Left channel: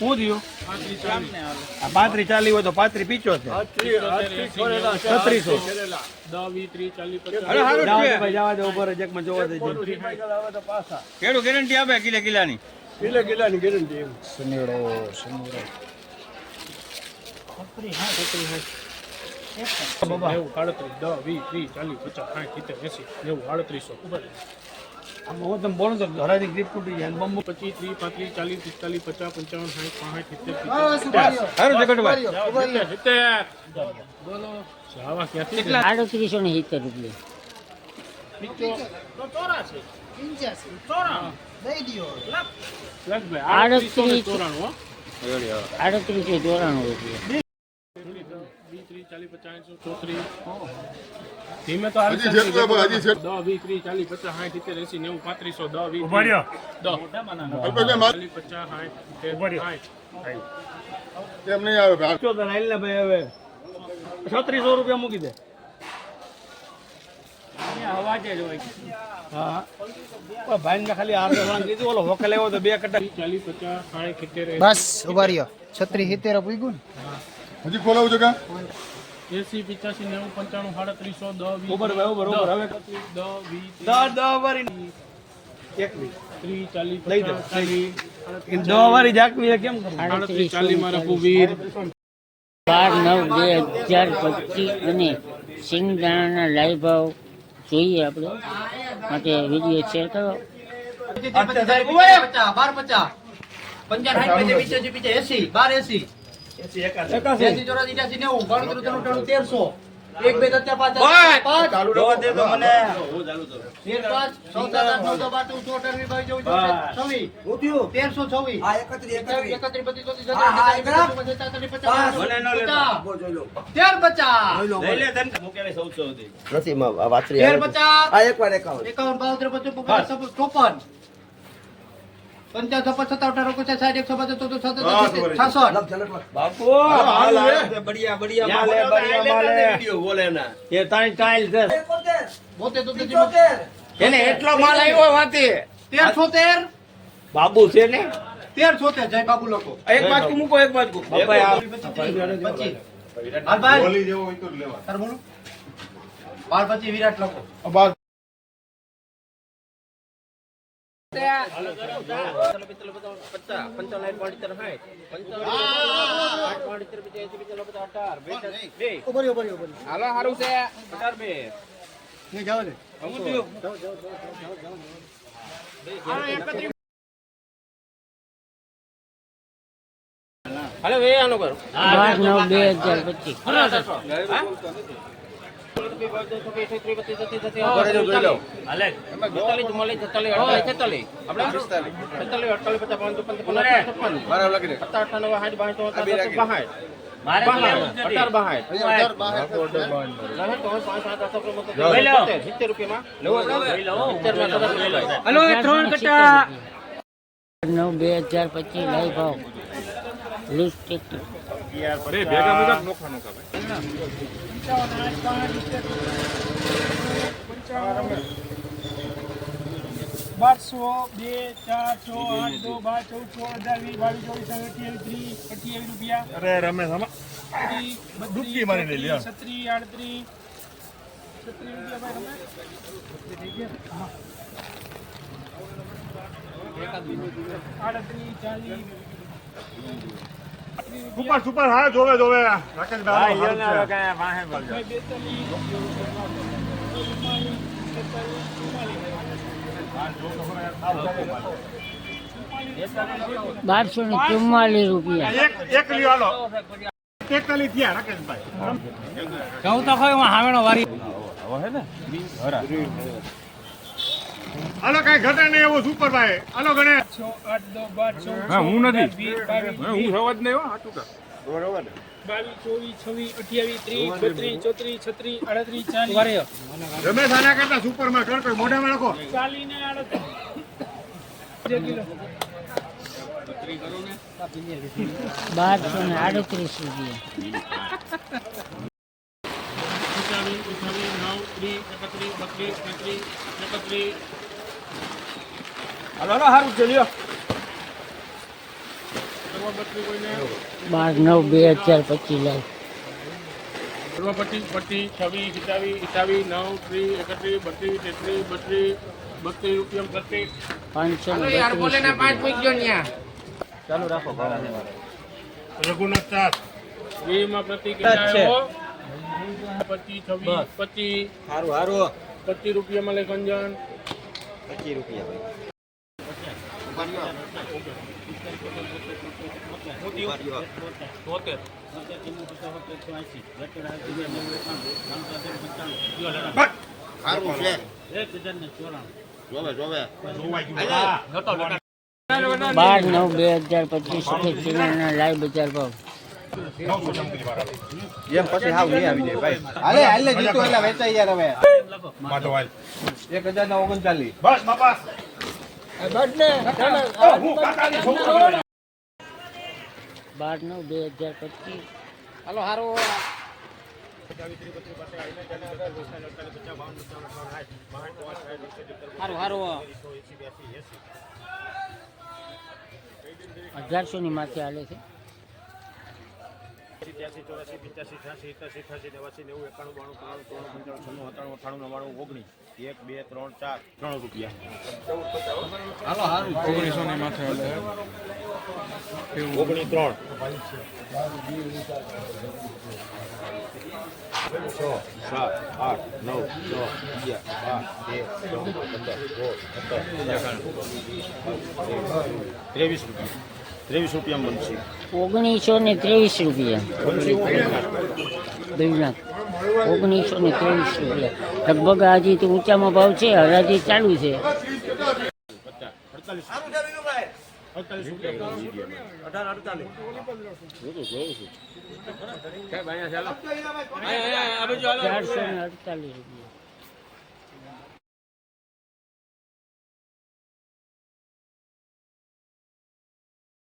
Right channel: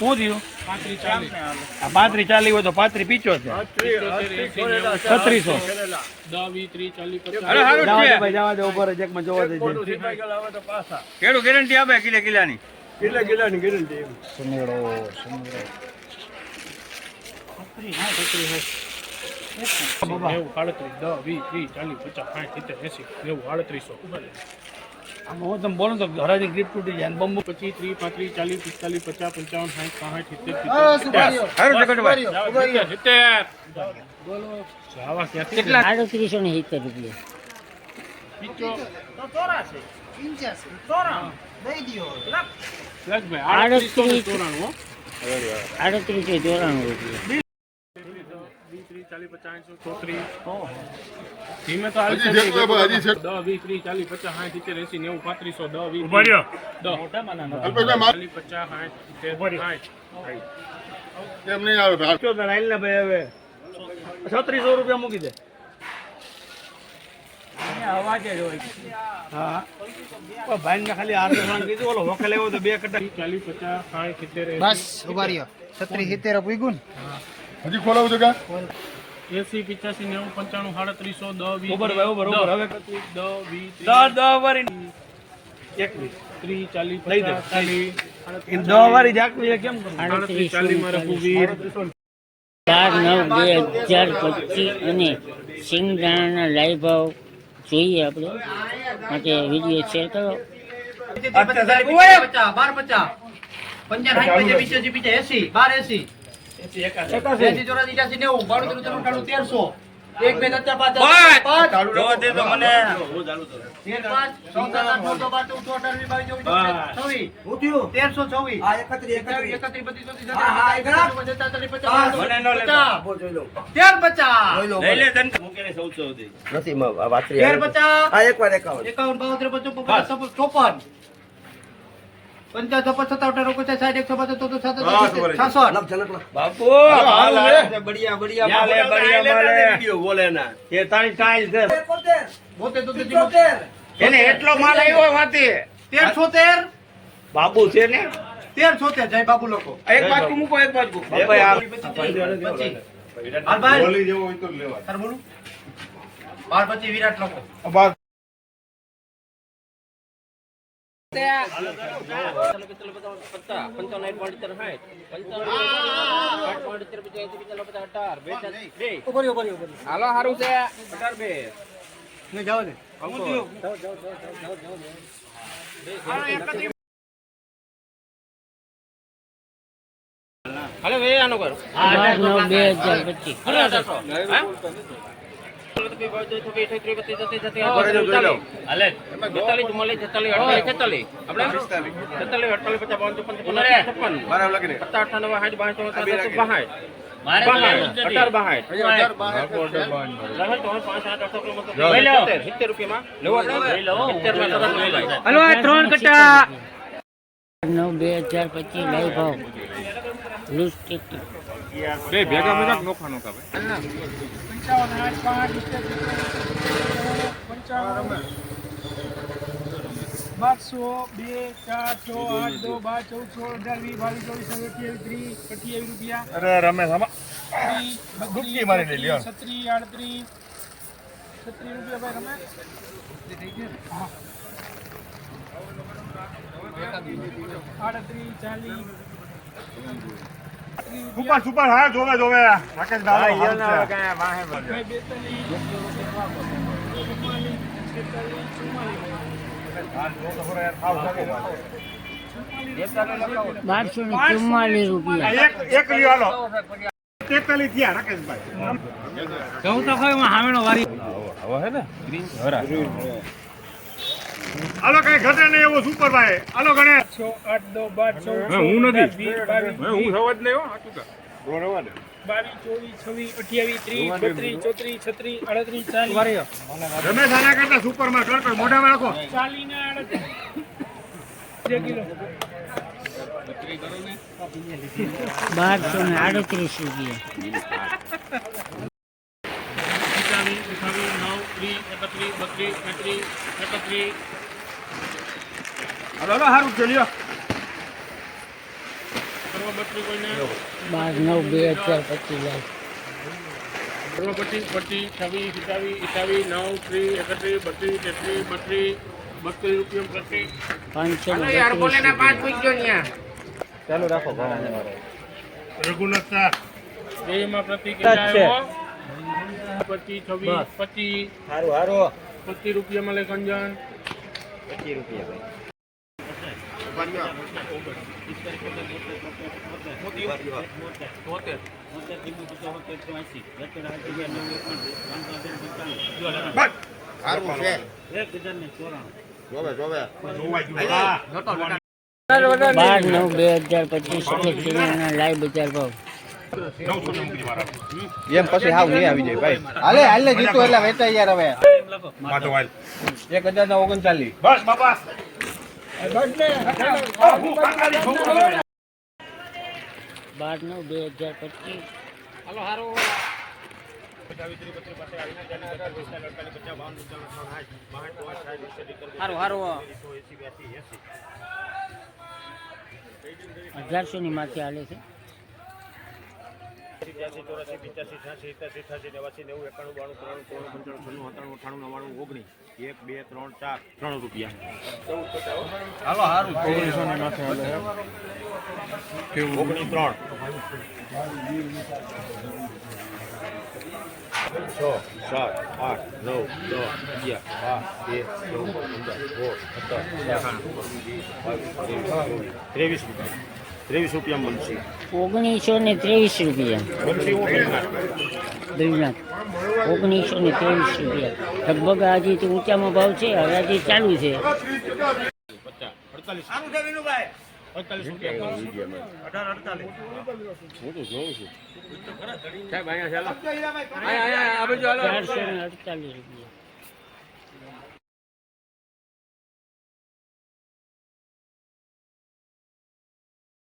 શું થયું? પાંત્રી ચાલી હોય તો પાંત્રી પીચો છે. છત્રીસો. ભાઈ જવા દે ઉપર જ એકમાં જોવા દે કેડું ગેરંટી આપે કિલે કિલ્લાની નેવું આડત્રીસ દસ વીસ ત્રીસ ચાલીસ પચાસ સાઠ સિત્તેર એસી નેવું આડત્રીસો. આમાં તમે બોલો તો ઘરાની ગીત તૂટી જાય બમ્બુ પચીસ ત્રીસ પાંત્રીસ ચાલીસ પિસ્તાલીસ પચાસ પંચાવન સાઠ સાઠ સિત્તેર સિત્તેર આવા ક્યાંથી આડત્રીસો ને સિત્તેર રૂપિયા. આડત્રીસ ચોરાણું આડત્રીસો ચોરાણું રૂપિયા. ચાલીસ પચાસ એંસી ચોત્રીસ. ધીમે તો હાલશે નહીં. દસ વીસ ત્રીસ ચાલીસ પચાસ સાઠ સિત્તેર એસી નેવું પાંત્રીસો દસ વીસ ત્રીસ, દસ. ચાલીસ પચાસ સાઠ સિત્તેર સાઠ. પીચો તો રાઈલ ને ભાઈ હવે. છત્રીસો રૂપિયા મૂકી દે. હા. ભાઈ ને ખાલી આર કીધું. ઓલો હોકે લેવો તો બે કટા ચાલીસ પચાસ સાઠ સિત્તેર બસ ઊભા રહ્યો. છત્રી સિત્તેર પૂગ્યું હજી ખોલાવું છે કે? એસી પિચાસી નેવું પંચાણું સાડત્રીસો દસ વીસ ઉપર ભાઈ ઉપર ઉપર હવે દસ વીસ દસ વારી. બાર નવ બે હજાર પચીસ અને સિંગદાણાના લાઈવ ભાવ જોઈએ આપણે. માટે વીડિયો શેર કરો. બાર પચાસ. એસી બાર એસી. એસી ચોરાસી ત્યાસી નેવું. બાણું ત્રણ ત્રણ અઠાણું તેરસો. એક બે ત્રણ પાંચ પાંચ. દે તો મને તેર પાંચ ચૌદ આઠ નવ બાર ચૌદ ચૌદ અઢાર બાવીસ ચોવીસ છવ્વીસ તેરસો છવ્વીસ. એકત્રીસ બત્રીસ ચોત્રીસ છત્રીસ તેર પચાસ. લઈ લે તને મૂકેલે સૌસો સુધી? તેર પચાસ. એકાવન બાવન ત્રેપન ચોપન. પચાસ સાઠ એકસો પચાસ ચૌદ છાસઠ બાપુ બઢિયા બઢિયા માલ હે બઢિયા માલ. હે કે તાઈ ટાઈલ છે. એને એટલો માલ આવ્યો વાતે. તેર બાબુ છે ને? તેર છોતેર જય બાબુ લોકો. એક બાજુ મૂકો એક બાજુ બાર પચીસ વિરાટ લોકો. હાલો સારું છે અઢાર બે હાલો આનો નવ બે હજાર પચીસ. નવ બે હજાર પચીસ લાઈવ ભાવ. લૂઝ બે ભેગા ભેગા નોખવાનું કરે બારસો બે ચાર છ આઠ દો બાર ચૌદ છ અઢાર વીસ બાવીસ ચોવીસ અઠ્યાવીસ ત્રીસ અઠ્યાવીસ રૂપિયા. અરે રમેશ આમાં. છત્રીસ આડત્રીસ. છત્રીસ રૂપિયા ભાઈ રમે? આડત્રીસ ચાલીસ. સુપર સુપર હા જોવે જોવે. રાકેશ બારસો ને ચુમ્માલીસ રૂપિયા. એક એક હાલો. તેતાલીસ થયા રાકેશભાઈ. ચૌદ તો ખરી હામેણો વારી. હાલો કઈ ઘટે નહીં એવો સુપર ભાઈ આલો ચૌદ હું નથી. હું સવાજ નહીં હો હાટું કા બાવીસ ચોવીસ છવ્વીસ અઠ્યાવીસ ત્રીસ બત્રીસ ચોત્રીસ છત્રીસ આડત્રીસ ચાલીસ. રમેશ આના કરતા સુપરમાં કર કર મોઢામાં રાખો. ચાલીસ ને આડત્રીસ. કિલો. બારસો ને આડત્રીસ રૂપિયા. નવ ત્રીસ એકત્રીસ બત્રીસ તેત્રીસ એકત્રીસ. હાલો હાલો હારું છે લ્યો બત્રીસ બાર નવ બે હજાર પચીસ લાખ. ઓગણપચીસ પચીસ છવ્વીસ સિત્તાવીસ અઠાવીસ નવ ત્રીસ એકત્રીસ બત્રીસ તેત્રીસ બત્રીસ બત્રીસ રૂપિયા પ્રતિ પાંચસો ને બત્રીસ રૂપિયા રઘુનાથ ચાર. બેમાં પ્રતિ પચીસ છવ્વીસ પચીસ. સારું સારું પચીસ રૂપિયા મળે કંજન પચીસ રૂપિયા બાર નવ બે હજાર પચીસ લાઈવ બજાર ભાવ. એમ પછી હાવ નહીં આવી જાય ભાઈ. હાલે હાલે જીતો એટલે વેચાઈ યાર હવે. માટો વાલ. એક હજાર ને ઓગણચાલીસ. બસ બાપા. બાર નવ બે હજાર પચીસ. અઢારસો ની માથે હાલે છે. ત્યાસી ચોરાસી પિચાસી છ્યાસી એકાસી અઠાસી નેવાસી નેવું એકાણું બાણું ત્રાણું પંચાણું છન્નું સત્તાણું અઠાણું નવ્વાણું ઓગણીસ એક બે ત્રણ ચાર ત્રણ રૂપિયા. હાલો સારું ઓગણીસો ની માથે હાલે. ત્રણ. છ સાત આઠ નવ દસ અગિયાર બાર તેર ચૌદ પંદર સોળ સત્તર ત્રેવીસ રૂપિયા. ત્રેવીસ રૂપિયા બનશે. ઓગણીસો ને ત્રેવીસ રૂપિયા. ઓગણીસો ને ત્રેવીસ રૂપિયા. લગભગ આજે તો ઊંચામાં ભાવ છે હરાજી ચાલુ છે. અડતાલીસ રૂપિયા.